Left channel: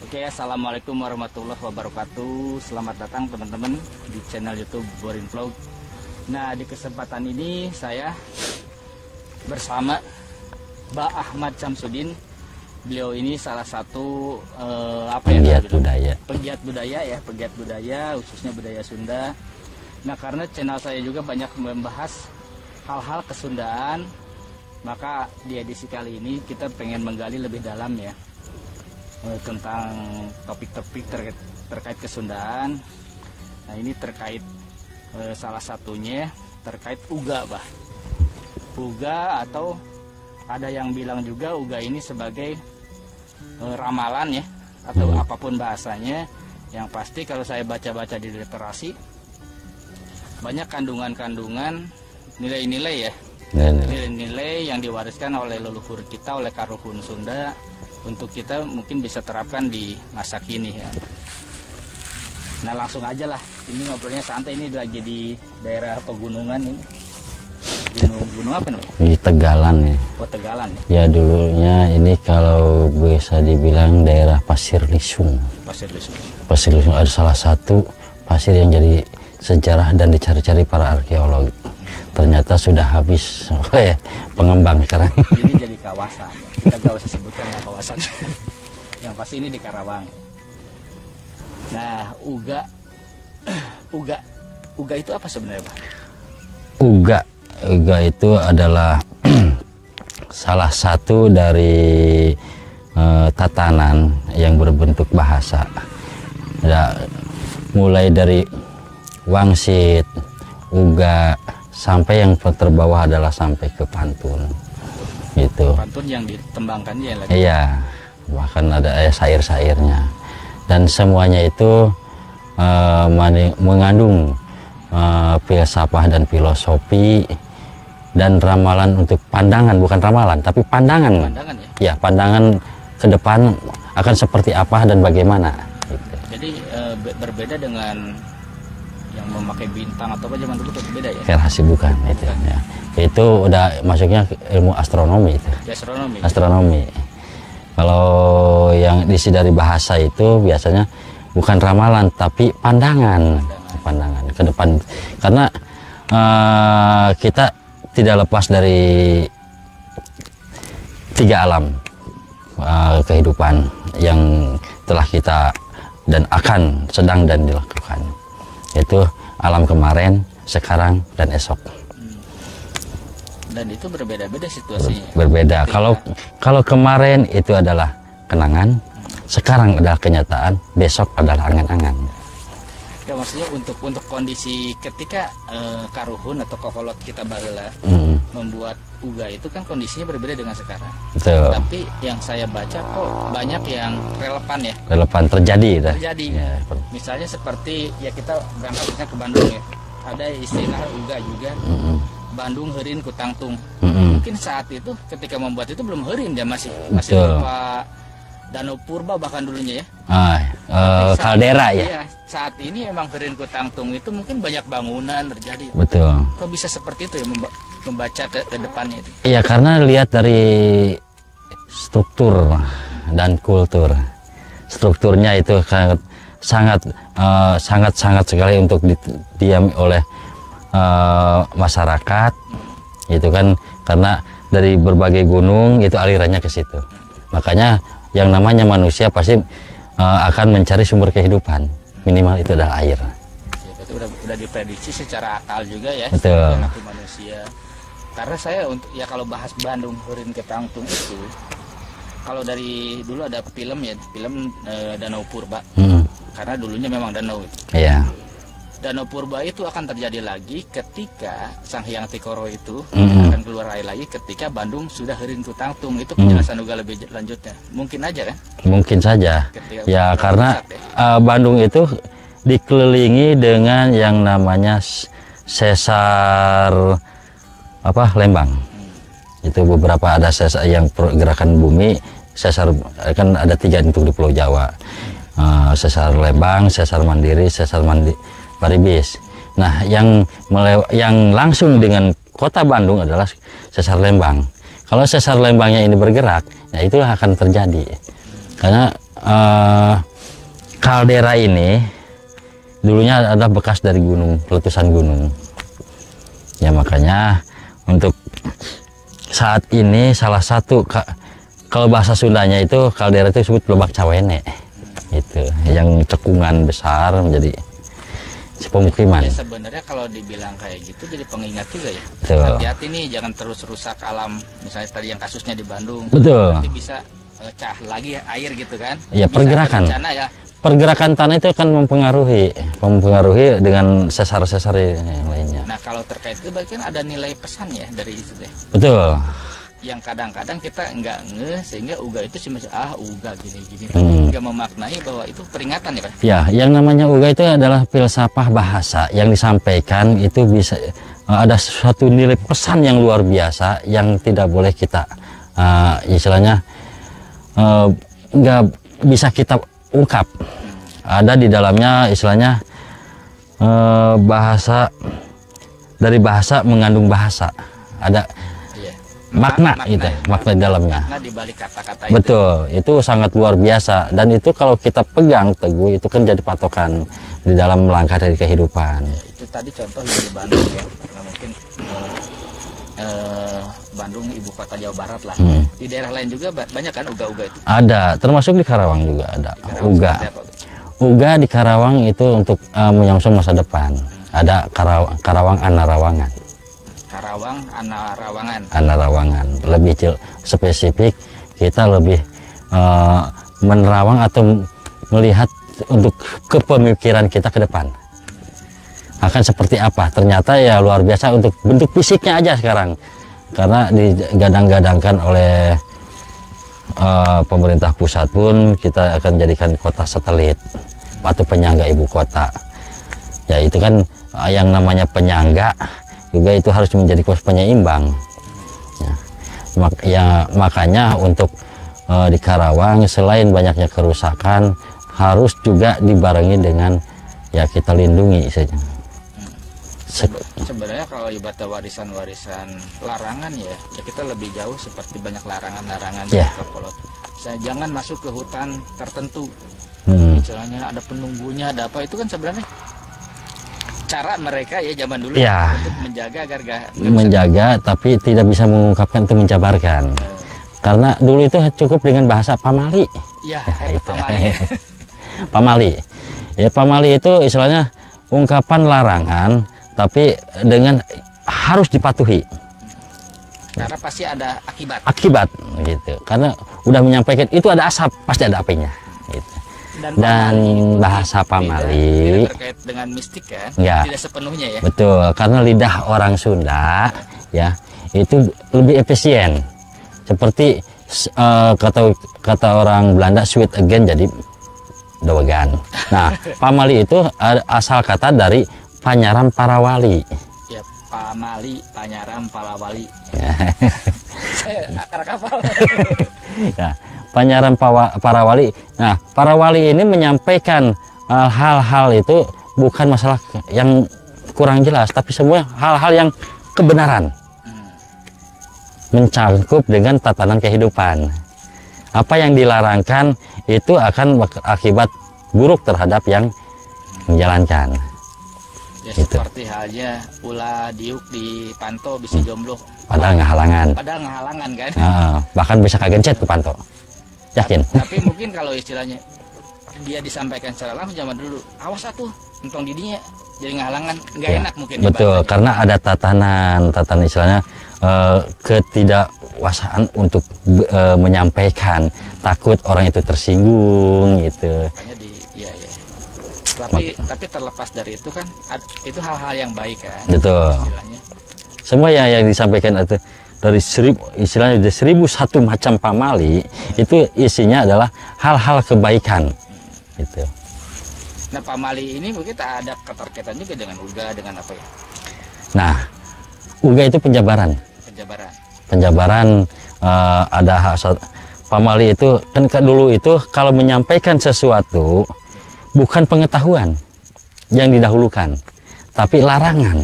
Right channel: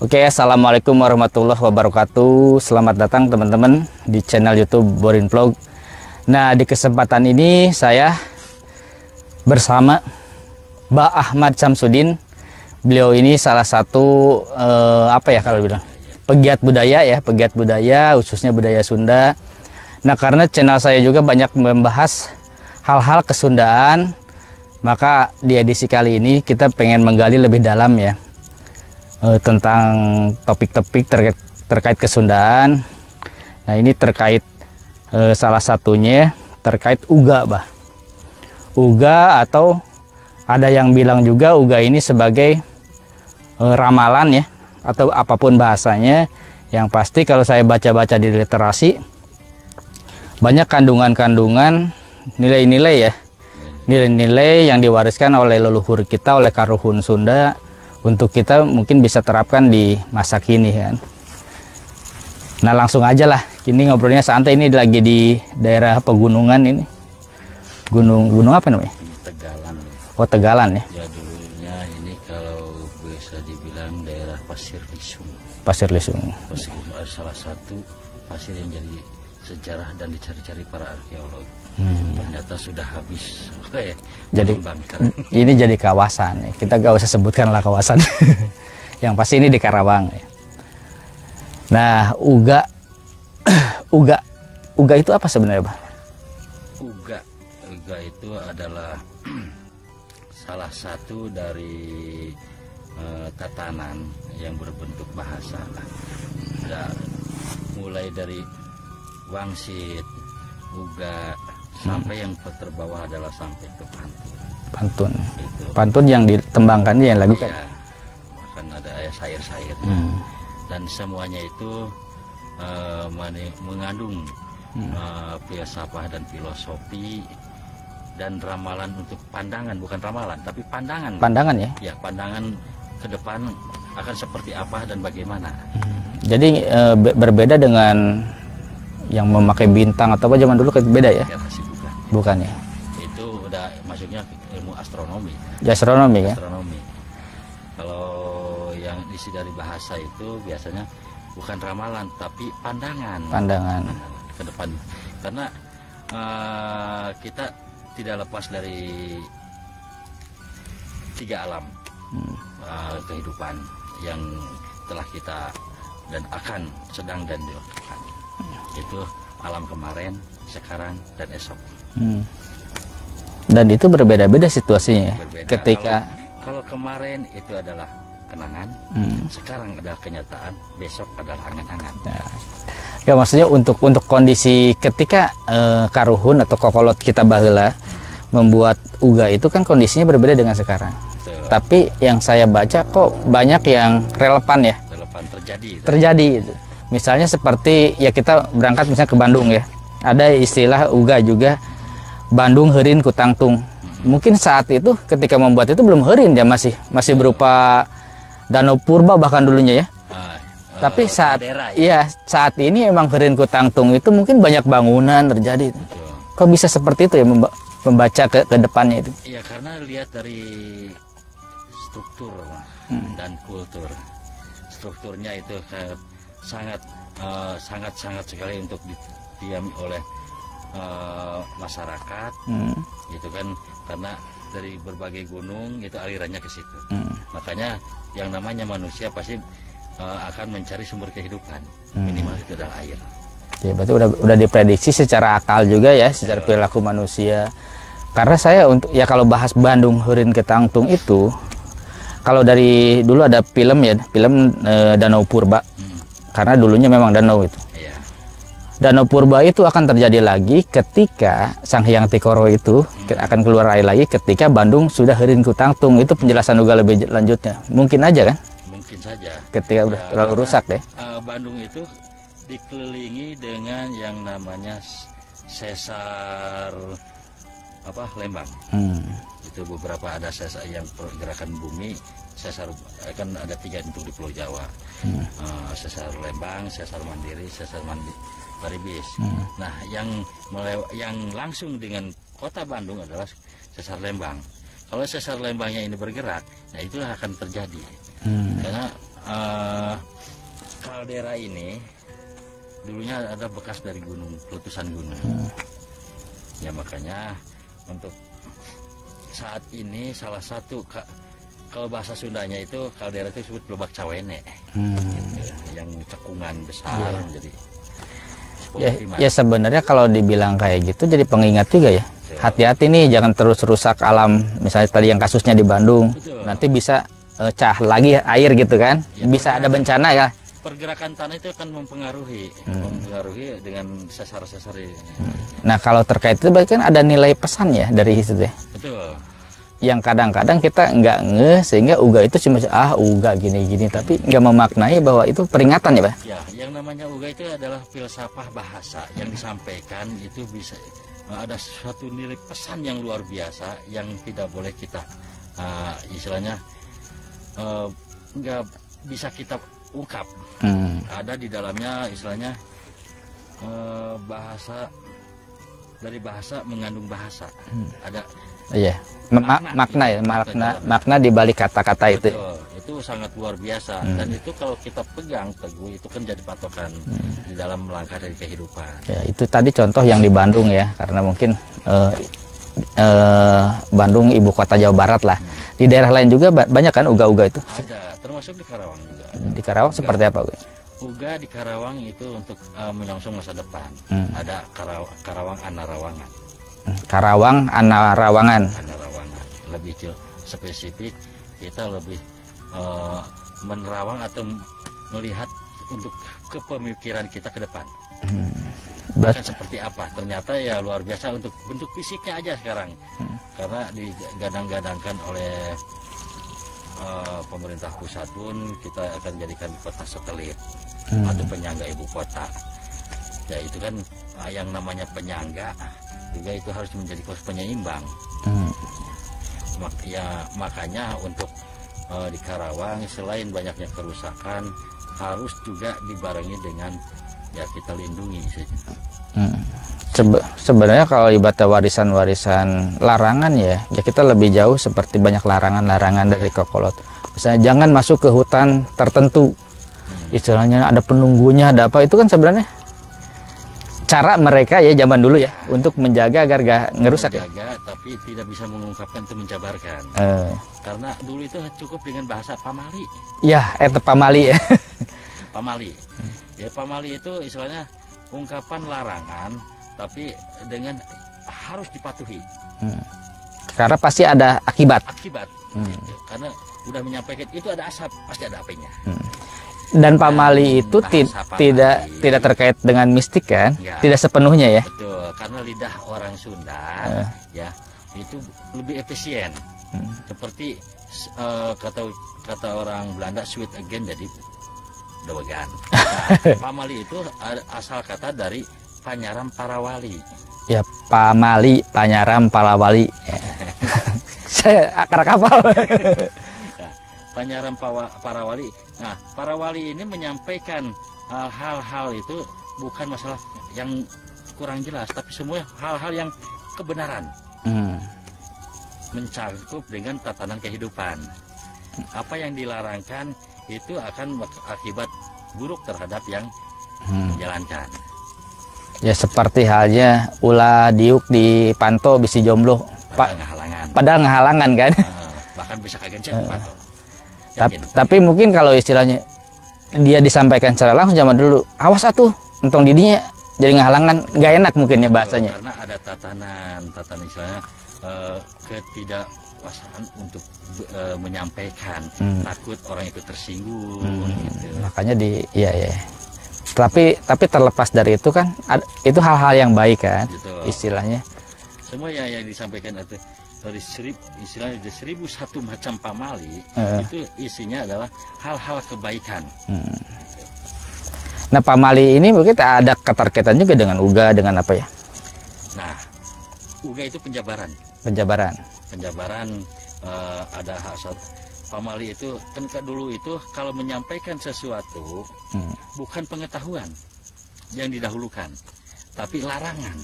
Oke, assalamualaikum warahmatullahi wabarakatuh. Selamat datang teman-teman di channel YouTube Borin Vlog. Nah, di kesempatan ini saya bersama Mbak Ahmad Samsudin. Beliau ini salah satu pegiat budaya, khususnya budaya Sunda. Nah, karena channel saya juga banyak membahas hal-hal kesundaan, maka di edisi kali ini kita pengen menggali lebih dalam ya tentang topik-topik terkait kesundaan. Nah, ini terkait salah satunya terkait uga, bah. Uga, atau ada yang bilang juga uga ini sebagai ramalan ya, atau apapun bahasanya. Yang pasti kalau saya baca-baca di literasi, banyak kandungan-kandungan nilai-nilai ya, nilai-nilai yang diwariskan oleh leluhur kita, oleh Karuhun Sunda, untuk kita mungkin bisa terapkan di masa kini kan. Nah, langsung aja lah, ini ngobrolnya santai. Ini lagi di daerah pegunungan ini. Gunung apa namanya? Di Tegalan ya. Oh, Tegalan ya. Ya, dulunya ini kalau bisa dibilang daerah Pasir Lisung. Pasir Lisung. Pasir Lisung ada salah satu pasir yang jadi sejarah dan dicari-cari para arkeolog. Ternyata sudah habis pengembang sekarang. Ini jadi kawasan. Kita gak usah sebutkan lah kawasan. Yang pasti ini di Karawang. Nah, uga itu apa sebenarnya, Pak? Uga itu adalah salah satu dari tatanan yang berbentuk bahasa. Ya, mulai dari wangsit, uga, sampai yang terbawah adalah sampai ke pantun. Pantun. Gitu. Pantun yang ditembangkan yang lagi. Iya. Bahkan ada syair-syairnya. Dan semuanya itu mengandung filsafah dan filosofi dan ramalan untuk pandangan, bukan ramalan tapi pandangan. Pandangan ya. Ya, pandangan ke depan akan seperti apa dan bagaimana. Jadi berbeda dengan yang memakai bintang atau apa zaman dulu, kayak beda ya? Relasi bukan. Bukan ya. Itu udah masuknya ke ilmu astronomi itu. Astronomi. Astronomi. Ya? Kalau yang diisi dari bahasa itu biasanya bukan ramalan tapi pandangan. Pandangan ke depan. Karena kita tidak lepas dari tiga alam kehidupan yang telah kita dan akan sedang dan dilakukan. Itu alam kemarin, sekarang, dan esok. Dan itu berbeda-beda situasinya. Berbeda. Kalau kemarin itu adalah kenangan, sekarang adalah kenyataan, besok adalah angan-angan. Ya, maksudnya untuk kondisi ketika Karuhun atau kokolot kita baheula membuat uga itu kan kondisinya berbeda dengan sekarang. Betul. Tapi yang saya baca kok banyak yang relevan ya. Relevan terjadi. Ya. Misalnya seperti ya, kita berangkat misalnya ke Bandung ya. Ada istilah uga juga. Bandung heurin ku tangtung. Mungkin saat itu ketika membuat itu belum heurin ya, masih berupa danau purba bahkan dulunya ya. Tapi kaldera ya. Iya, saat ini emang heurin ku tangtung itu mungkin banyak bangunan terjadi. Betul. Kok bisa seperti itu ya, membaca ke depannya itu? Iya, karena lihat dari struktur dan kultur. Strukturnya itu sangat sekali untuk didiami oleh masyarakat. Itu kan karena dari berbagai gunung itu alirannya ke situ. Makanya yang namanya manusia pasti akan mencari sumber kehidupan. Minimal itu adalah air. Ya, berarti udah diprediksi secara akal juga ya, secara perilaku manusia. Karena saya kalau bahas Bandung heurin ku tangtung itu, kalau dari dulu ada film Danau Purba. Karena dulunya memang danau itu. Iya. Danau Purba itu akan terjadi lagi ketika Sang Hyang Tikoro itu akan keluar air lagi ketika Bandung sudah heurin ku tangtung. Itu penjelasan juga lebih lanjutnya. Mungkin aja kan? Mungkin saja. Ketika ya, karena Bandung itu dikelilingi dengan yang namanya sesar Lembang. Itu beberapa ada sesar yang gerakan bumi. Sesar kan ada 3 untuk di Pulau Jawa. Sesar Lembang, Sesar Mandiri, Sesar Paribis. Nah, yang langsung dengan kota Bandung adalah Sesar Lembang. Kalau sesar Lembangnya ini bergerak, ya itulah akan terjadi. Karena kaldera ini dulunya ada bekas dari gunung, letusan gunung. Ya makanya untuk saat ini salah satu kalau bahasa Sundanya itu kaldera itu disebut lebak cawene. Itu yang cekungan besar menjadi pemukiman. Ya sebenarnya kalau dibilang kayak gitu jadi pengingat juga ya. Betul. Hati-hati nih jangan terus rusak alam. Misalnya tadi yang kasusnya di Bandung. Betul. Nanti bisa cah lagi air gitu kan. Ya, bisa ada bencana ya. Pergerakan tanah itu akan mempengaruhi dengan sesar-sesar yang lainnya. Nah kalau terkait itu berarti kan ada nilai pesan ya dari situ ya. Betul. Yang kadang-kadang kita nggak ngeh sehingga uga itu cuma uga gini-gini tapi nggak memaknai bahwa itu peringatan ya Pak. Ya, yang namanya uga itu adalah filsafah bahasa yang disampaikan itu bisa ada suatu nilai pesan yang luar biasa yang tidak boleh kita istilahnya nggak bisa kita ungkap. Ada di dalamnya istilahnya bahasa, dari bahasa mengandung bahasa. Ada Iya. makna dalamnya. Makna di balik kata-kata itu. Betul, itu sangat luar biasa dan itu kalau kita pegang teguh itu kan jadi patokan di dalam melangkah dari kehidupan. Ya, itu tadi contoh yang di Bandung ya, karena mungkin Bandung ibu kota Jawa Barat lah. Di daerah lain juga banyak kan uga-uga itu? Ada, termasuk di Karawang juga ada. Di Karawang uga. seperti apa? Uga di Karawang itu untuk menyongsong masa depan. Ada Karawang Anarawangan. Karawang Anarawangan. Anarawangan. Lebih spesifik kita lebih menerawang atau melihat untuk kepemikiran kita ke depan. Akan seperti apa? Ternyata ya luar biasa untuk bentuk fisiknya aja sekarang. Karena digadang-gadangkan oleh pemerintah pusat pun kita akan jadikan kota satelit atau penyangga ibu kota. Ya itu kan yang namanya penyangga juga itu harus menjadi kos penyeimbang. Ya, makanya untuk di Karawang selain banyaknya kerusakan harus juga dibarengi dengan ya kita lindungi saja. Sebenarnya kalau ibaratnya warisan-warisan larangan ya kita lebih jauh seperti banyak larangan-larangan dari Kokolot. Misalnya jangan masuk ke hutan tertentu. Istilahnya ada penunggunya, ada apa, itu kan sebenarnya cara mereka ya zaman dulu ya untuk menjaga agar gak ngerusak. Menjaga tapi tidak bisa mengungkapkan itu menjabarkan. Karena dulu itu cukup dengan bahasa pamali. Ya, itu pamali ya. Pamali. Ya pamali itu istilahnya ungkapan larangan tapi dengan harus dipatuhi. Karena pasti ada akibat gitu. Karena udah menyampaikan itu ada asap, pasti ada apinya. Gitu. Dan pamali itu pamali, tidak terkait dengan mistik kan? Ya. Tidak sepenuhnya ya. Betul, karena lidah orang Sunda ya itu lebih efisien. Seperti kata orang Belanda sweet again jadi dowegan. Nah, pamali itu asal kata dari Panyaram Parawali. Ya, pamali, Panyaram Parawali. Saya akar kapal. Ya, Panyaram Parawali. Nah, Parawali ini menyampaikan hal-hal itu bukan masalah yang kurang jelas, tapi semua hal-hal yang kebenaran. Mencangkup dengan tatanan kehidupan. Apa yang dilarangkan itu akan akibat buruk terhadap yang menjalankan. Ya gitu. Seperti halnya ulah diuk di panto bisi jomblo. Padahal ngehalangan. Padahal ngehalangan kan. Bahkan bisa kagencet ke panto. Yakin. Tapi mungkin kalau istilahnya dia disampaikan secara langsung zaman dulu, awas atuh, untung didinya jadi ngehalangan, nggak enak mungkin ya bahasanya. Betul, karena ada tatanan istilahnya ketidakwasaan untuk menyampaikan, takut orang itu tersinggung gitu. Makanya iya. Tapi terlepas dari itu kan itu hal-hal yang baik kan. Betul. Istilahnya. Semua yang disampaikan itu dari 1001 macam pamali itu isinya adalah hal-hal kebaikan. Gitu. Nah, pamali ini mungkin ada keterkaitan juga dengan uga, dengan apa ya? Nah, uga itu penjabaran. Penjabaran ada pamali itu kan dulu itu kalau menyampaikan sesuatu bukan pengetahuan yang didahulukan, tapi larangan.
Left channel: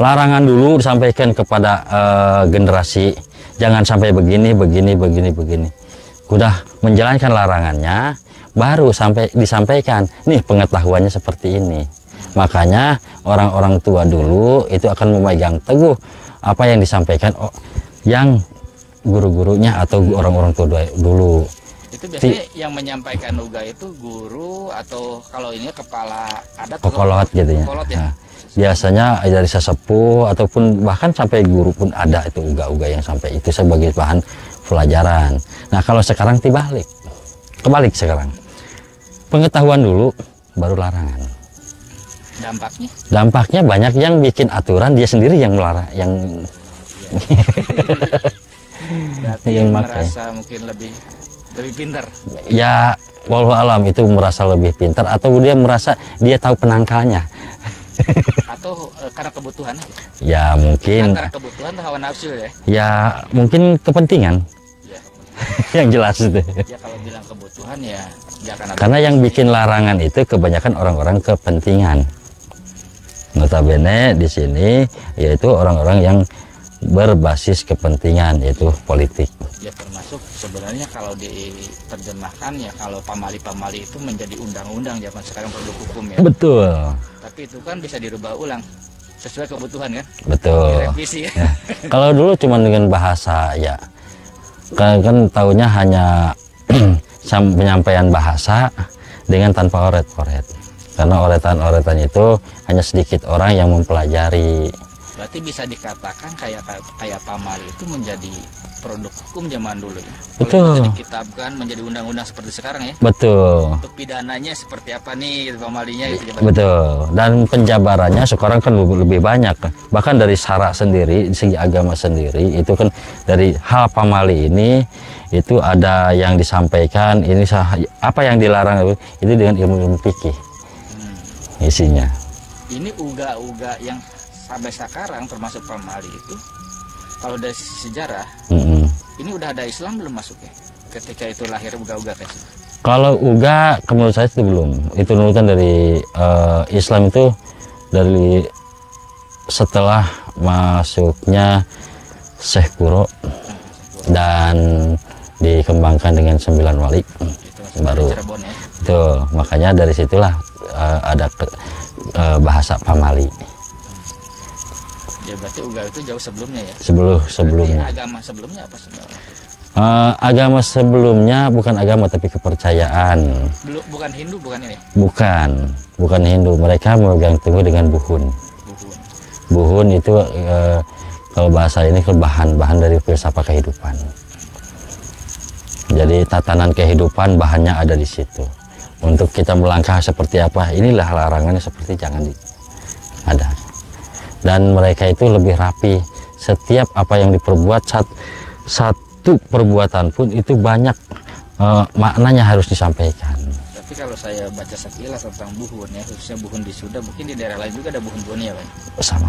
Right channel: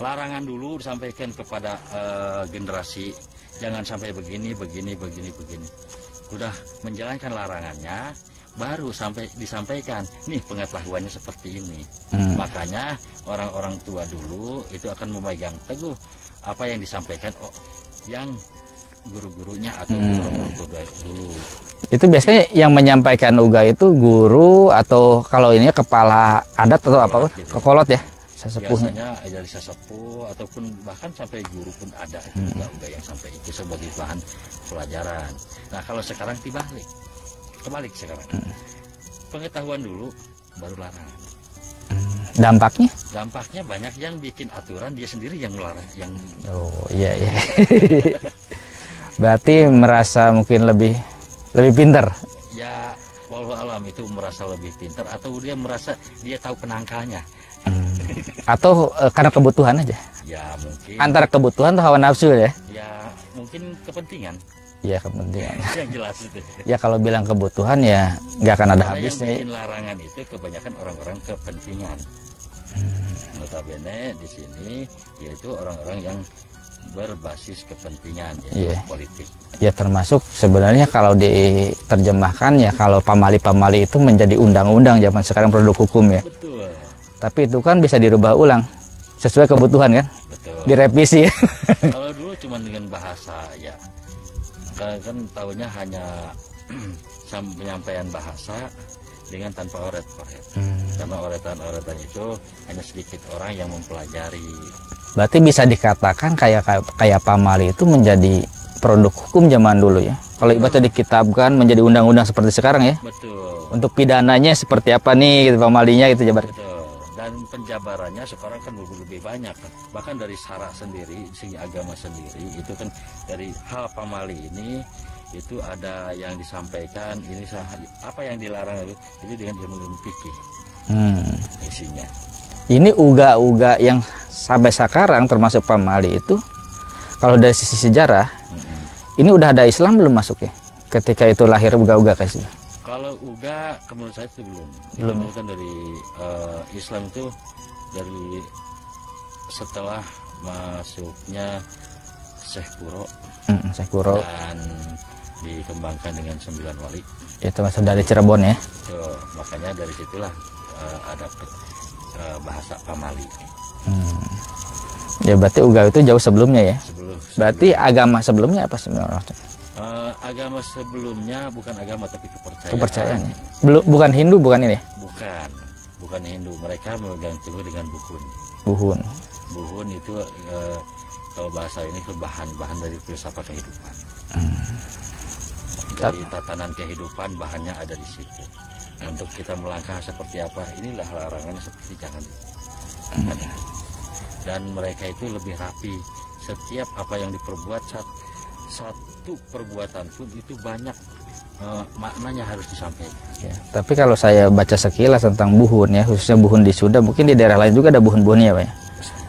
Larangan dulu disampaikan kepada generasi, jangan sampai begini. udah menjalankan larangannya, baru sampai disampaikan, nih pengetahuannya seperti ini. Makanya orang-orang tua dulu itu akan memegang teguh apa yang disampaikan yang guru-gurunya atau orang-orang tua dulu. Itu biasanya yang menyampaikan uga itu guru atau kalau ini kepala adat atau Kolot apa? gitu ya. Kolot ya. Nah, biasanya dari sesepuh ataupun bahkan sampai guru pun ada itu uga-uga yang sampai itu sebagai bahan pelajaran. Nah kalau sekarang kebalik sekarang. Pengetahuan dulu baru larangan. Dampaknya? Dampaknya banyak yang bikin aturan dia sendiri yang melarang, yang Iya. Berarti merasa mungkin lebih pintar. ya walau alam itu merasa lebih pintar atau dia merasa dia tahu penangkalnya. Atau karena kebutuhan aja. Ya mungkin Antara kebutuhan atau hawa nafsu ya. ya mungkin kepentingan Iya kebutuhan. yang jelas itu. Ya kalau bilang kebutuhan ya nggak akan ada. Karena yang habisnya. bikin larangan itu kebanyakan orang-orang kepentingan. Notabene di sini yaitu orang-orang yang berbasis kepentingan, yaitu politik. Ya termasuk sebenarnya kalau diterjemahkan ya kalau pamali-pamali itu menjadi undang-undang zaman sekarang produk hukum ya. Betul. Tapi itu kan bisa dirubah ulang sesuai kebutuhan kan. Betul. Direvisi. Nah, kalau dulu cuma dengan bahasa ya kan tahunya hanya penyampaian bahasa dengan tanpa oret-oret. Karena oretan-oretan itu hanya sedikit orang yang mempelajari. Berarti bisa dikatakan kayak pamali itu menjadi produk hukum zaman dulu ya. Kalau itu dikitabkan menjadi undang-undang seperti sekarang ya. Betul. Untuk pidananya seperti apa nih gitu, pamalinya gitu jabat. Betul. Dan penjabarannya sekarang kan lebih banyak. Bahkan dari syara sendiri, segi agama sendiri itu kan dari hal pamali ini itu ada yang disampaikan ini apa yang dilarang itu dengan ilmu fikih. Isinya. Ini uga-uga yang sampai sekarang termasuk pamali itu kalau dari sisi sejarah ini udah ada Islam belum masuk ya ketika itu lahir uga-uga kasih. Kalau uga menurut saya itu belum. Itu nurutan dari Islam itu dari setelah masuknya Syekh Kuro, dan dikembangkan dengan 9 wali. Itu masuk dari Cirebon ya. Betul. Makanya dari situlah ada bahasa pamali. Ya berarti uga itu jauh sebelumnya ya. Berarti agama sebelumnya apa sebenarnya? Agama sebelumnya bukan agama tapi kepercayaan. Bukan Hindu, bukan ini? Bukan Hindu. Mereka memegang teguh dengan buhun. Buhun itu kalau bahasa ini bahan dari filsafat kehidupan. Jadi tatanan kehidupan bahannya ada di situ. Untuk kita melangkah seperti apa, inilah larangannya seperti jangan ada. Dan mereka itu lebih rapi. Setiap apa yang diperbuat, satu perbuatan pun itu banyak maknanya harus disampaikan. Tapi kalau saya baca sekilas tentang buhun ya, khususnya buhun di Sunda, mungkin di daerah lain juga ada buhun-buhunnya Pak ya? Sama.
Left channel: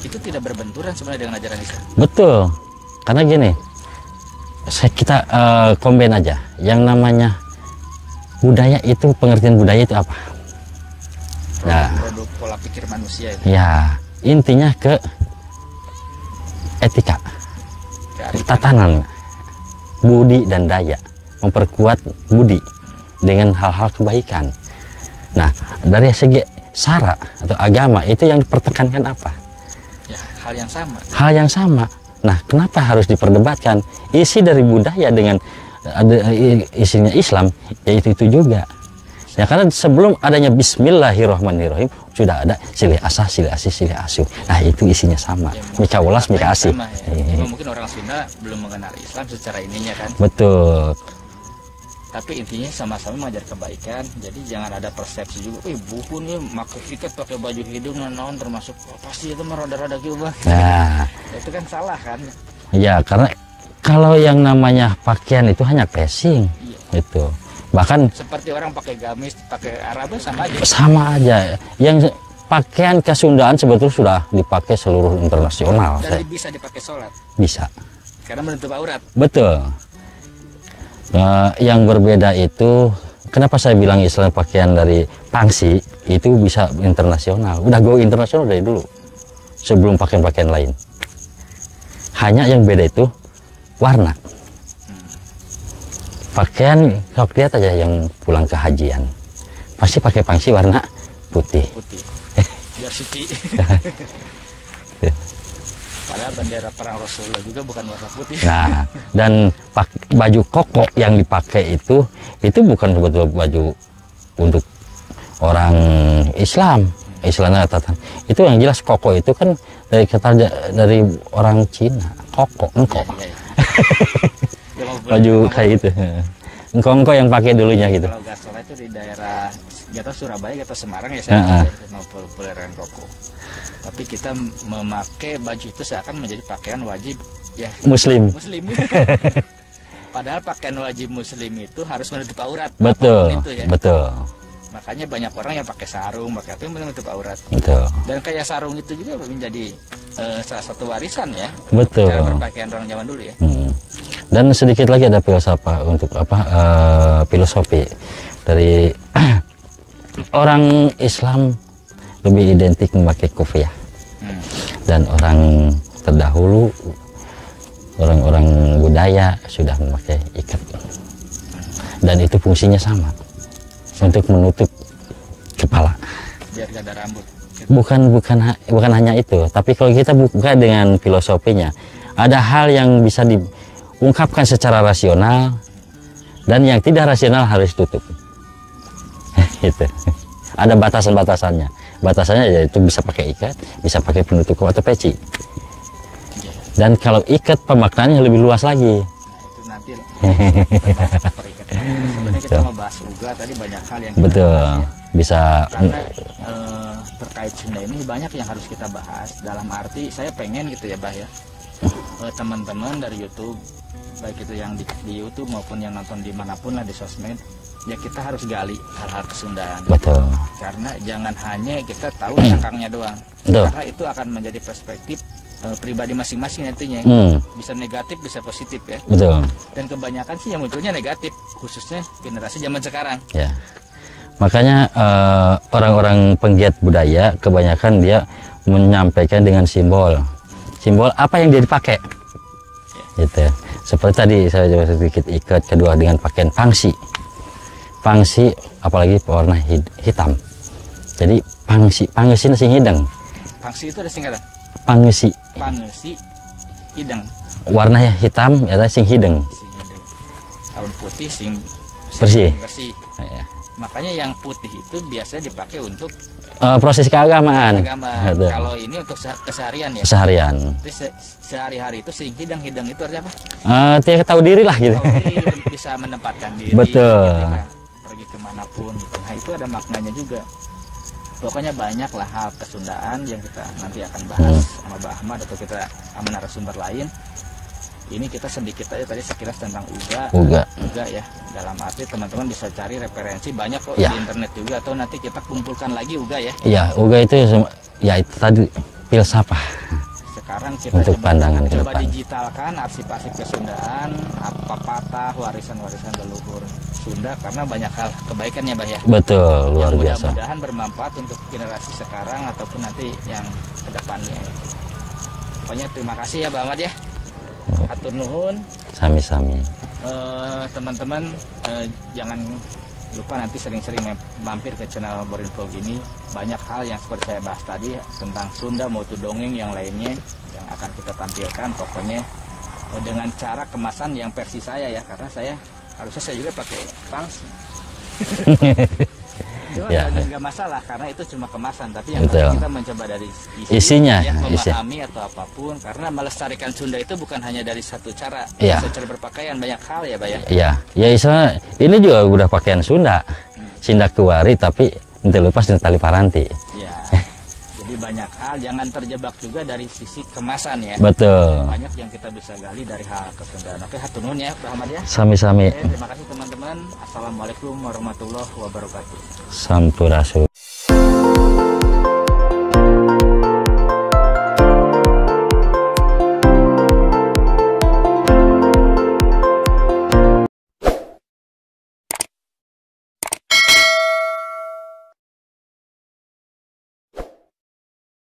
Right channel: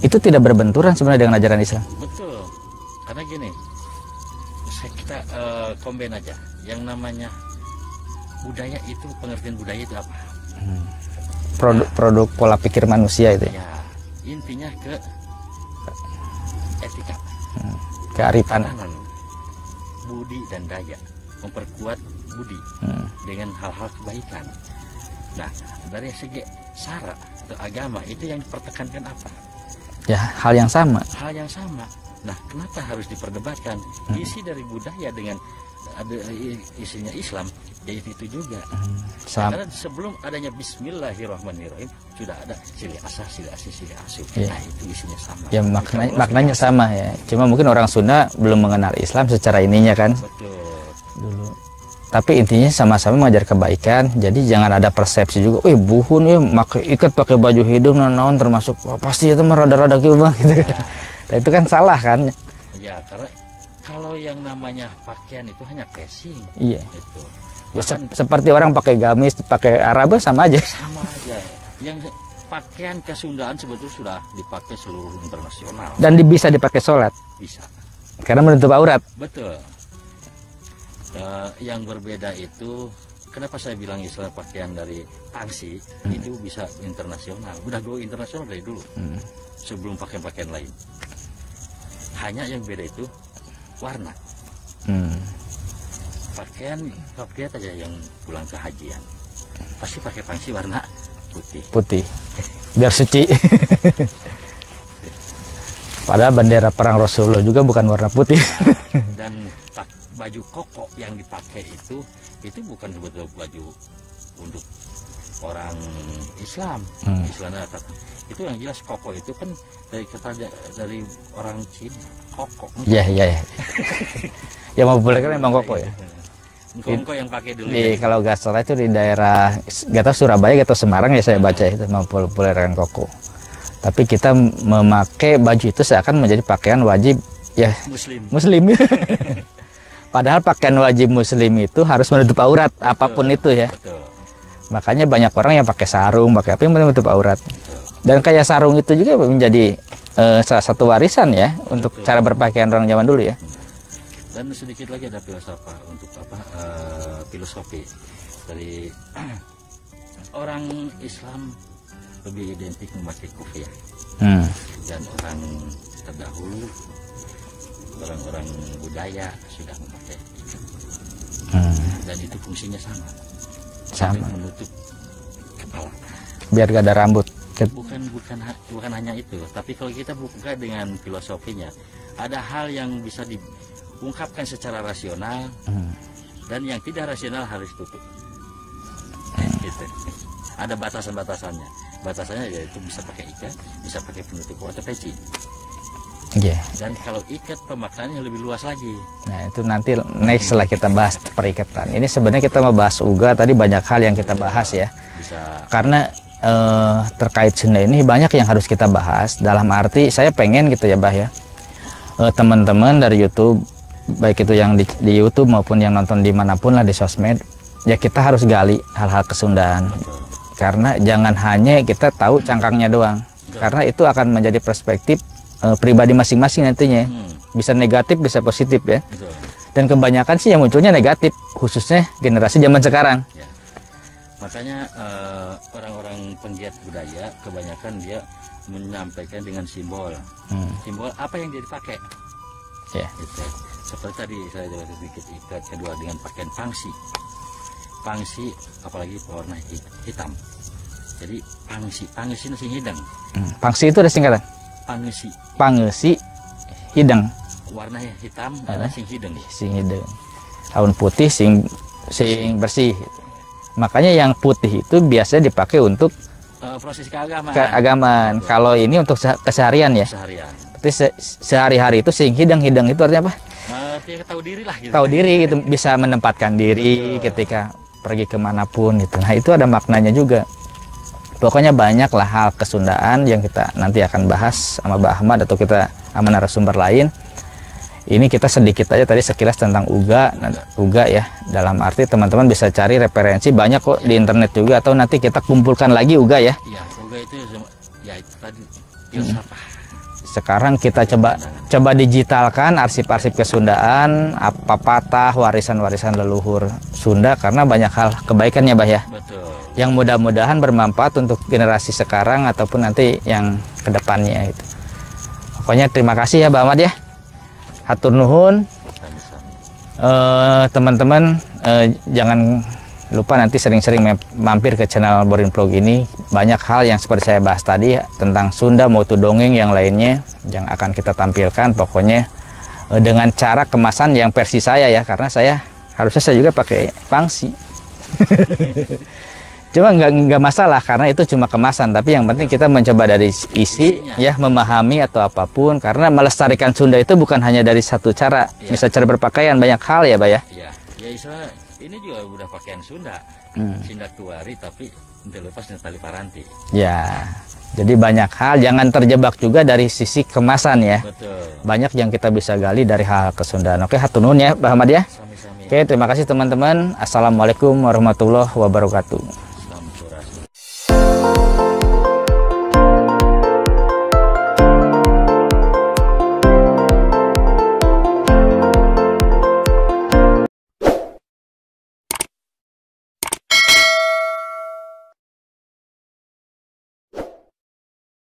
Itu tidak berbenturan sebenarnya dengan ajaran Islam? Betul. Karena gini, kita combine aja. Yang namanya budaya itu, pengertian budaya itu apa? Produk pola pikir manusia itu. Ya, intinya ke etika, kearifan, tatanan, budi dan daya, memperkuat budi dengan hal-hal kebaikan. Nah, dari segi syara atau agama itu yang dipertekankan apa? Ya, hal yang sama. Hal yang sama. Nah, kenapa harus diperdebatkan? Isi dari budaya dengan isinya Islam, yaitu itu juga. Ya, karena sebelum adanya Bismillahirrahmanirrahim sudah ada silih asah, silih asih, silih asuh. Nah, itu isinya sama. Ya, maknanya sama ya. Cuma mungkin orang Sunda belum mengenal Islam secara ininya kan. Betul. Tapi intinya sama-sama mengajar kebaikan. Jadi jangan ada persepsi juga. Buhun ya ikat pakai baju hidung naon termasuk pasti itu merada-rada gitu. Nah, itu kan salah kan? Ya, karena kalau yang namanya pakaian itu hanya passing. Iya. Itu. Bahkan seperti orang pakai gamis, pakai Arab sama aja. Sama aja. Yang pakaian kesundaan sebetulnya sudah dipakai seluruh internasional. Dan bisa dipakai sholat? Bisa. Karena menutup aurat? Betul. Yang berbeda itu, kenapa saya bilang Islam pakaian dari pangsi itu bisa internasional. Udah go internasional dari dulu. Sebelum pakaian-pakaian lain. Hanya yang beda itu warna. Pakaian sok lihat aja yang pulang ke hajian pasti pakai pangsi warna putih. Biar suci. Padahal bendera perang Rasulullah juga bukan warna putih. Nah, dan baju koko yang dipakai itu bukan betul baju untuk orang Islam. Islamnya catatan. Itu yang jelas koko itu kan dari kata dari orang Cina. Koko. Iya. Ya mau baju kayak gitu. Engkong yang pakai dulunya gitu. Kalau nggak salah itu di daerah nggak tahu Surabaya atau Semarang ya saya baca itu mempopulerkan koko. Tapi kita memakai baju itu seakan menjadi pakaian wajib ya Muslim. Padahal pakaian wajib Muslim itu harus menutup aurat. Betul, apapun itu ya. Betul. Makanya banyak orang yang pakai sarung, pakai apa yang menutup aurat. Betul. Dan kayak sarung itu juga menjadi salah satu warisan ya untuk cara berpakaian orang zaman dulu ya. Dan sedikit lagi ada filsafat untuk filosofi dari orang Islam lebih identik memakai kopiah, dan orang terdahulu orang-orang budaya sudah memakai ikat, dan itu fungsinya sama untuk menutup kepala biar gak ada rambut. Bukan hanya itu, tapi kalau kita buka dengan filosofinya, ada hal yang bisa diungkapkan secara rasional dan yang tidak rasional harus tutup. Itu ada batasannya. Batasannya yaitu bisa pakai ikat, bisa pakai penutup atau peci. Dan kalau ikat pemaknaannya lebih luas lagi. Nah itu nanti next setelah kita bahas perikatan. Ini sebenarnya kita mau bahas uga, tadi banyak hal yang kita bahas ya. Bisa. Karena terkait Sunda ini banyak yang harus kita bahas. Dalam arti saya pengen gitu ya Bah ya, teman-teman dari YouTube, baik itu yang di YouTube maupun yang nonton dimanapun lah di sosmed, ya kita harus gali hal-hal kesundaan. Betul. Karena jangan hanya kita tahu cangkangnya doang. Betul. Karena itu akan menjadi perspektif pribadi masing-masing nantinya. Bisa negatif, bisa positif ya. Betul. Dan kebanyakan sih yang munculnya negatif, khususnya generasi zaman sekarang. Ya. Makanya orang-orang penggiat budaya kebanyakan dia menyampaikan dengan simbol. Simbol apa yang dia dipakai. Ya. Gitu. Seperti tadi saya coba sedikit ikat, kedua dengan pakaian pangsi. Pangsi apalagi warna hitam. Jadi pangsi sing hidang. Pangsi itu ada singkatan. Pangsi hidang. Warna hitam ya sing hidang. Sing hidang. Daun putih sing bersih. Ya. Makanya yang putih itu biasanya dipakai untuk proses keagamaan. Kalau ini untuk keseharian ya. Keseharian. Sehari-hari itu sing hidang itu artinya apa? Dia tahu diri lah gitu. Tahu diri gitu, bisa menempatkan diri. Betul. Ketika pergi kemanapun gitu. Nah itu ada maknanya juga. Pokoknya banyak lah hal kesundaan yang kita nanti akan bahas sama Mbak Ahmad atau kita sama narasumber lain. Ini kita sedikit aja tadi sekilas tentang uga ya. Dalam arti teman-teman bisa cari referensi banyak kok di internet juga, atau nanti kita kumpulkan lagi uga ya. Iya, uga itu ya itu tadi filsafah. Sekarang kita coba digitalkan arsip-arsip kesundaan, apa patah warisan-warisan leluhur Sunda, karena banyak hal kebaikannya Bah ya. Betul. Yang mudah-mudahan bermanfaat untuk generasi sekarang ataupun nanti yang kedepannya itu. Pokoknya terima kasih ya Mbak Ahmad ya. Hatur nuhun. Sami-sami. Teman-teman jangan lupa nanti sering-sering mampir ke channel Borin Vlog ini. Banyak hal yang seperti saya bahas tadi tentang Sunda maupun dongeng yang lainnya yang akan kita tampilkan. Pokoknya dengan cara kemasan yang versi saya ya, karena harusnya saya juga pakai pangsi. Cuma nggak masalah karena itu cuma kemasan, tapi yang penting kita mencoba dari isinya ya, memahami atau apapun, karena melestarikan Sunda itu bukan hanya dari satu cara, bisa cara berpakaian, banyak hal ya Pak ya. Iya, ya istilah ini juga udah pakaian Sunda, Sindak Tuari tapi nanti lepas dengan tali paranti. Ya, jadi banyak hal, jangan terjebak juga dari sisi kemasan ya. Betul. Banyak yang kita bisa gali dari hal kesundaan. Oke, hatur nuhun ya Pak Ahmad ya. Sami-sami. Oke, terima kasih teman-teman. Assalamualaikum warahmatullahi wabarakatuh. Sampurasun.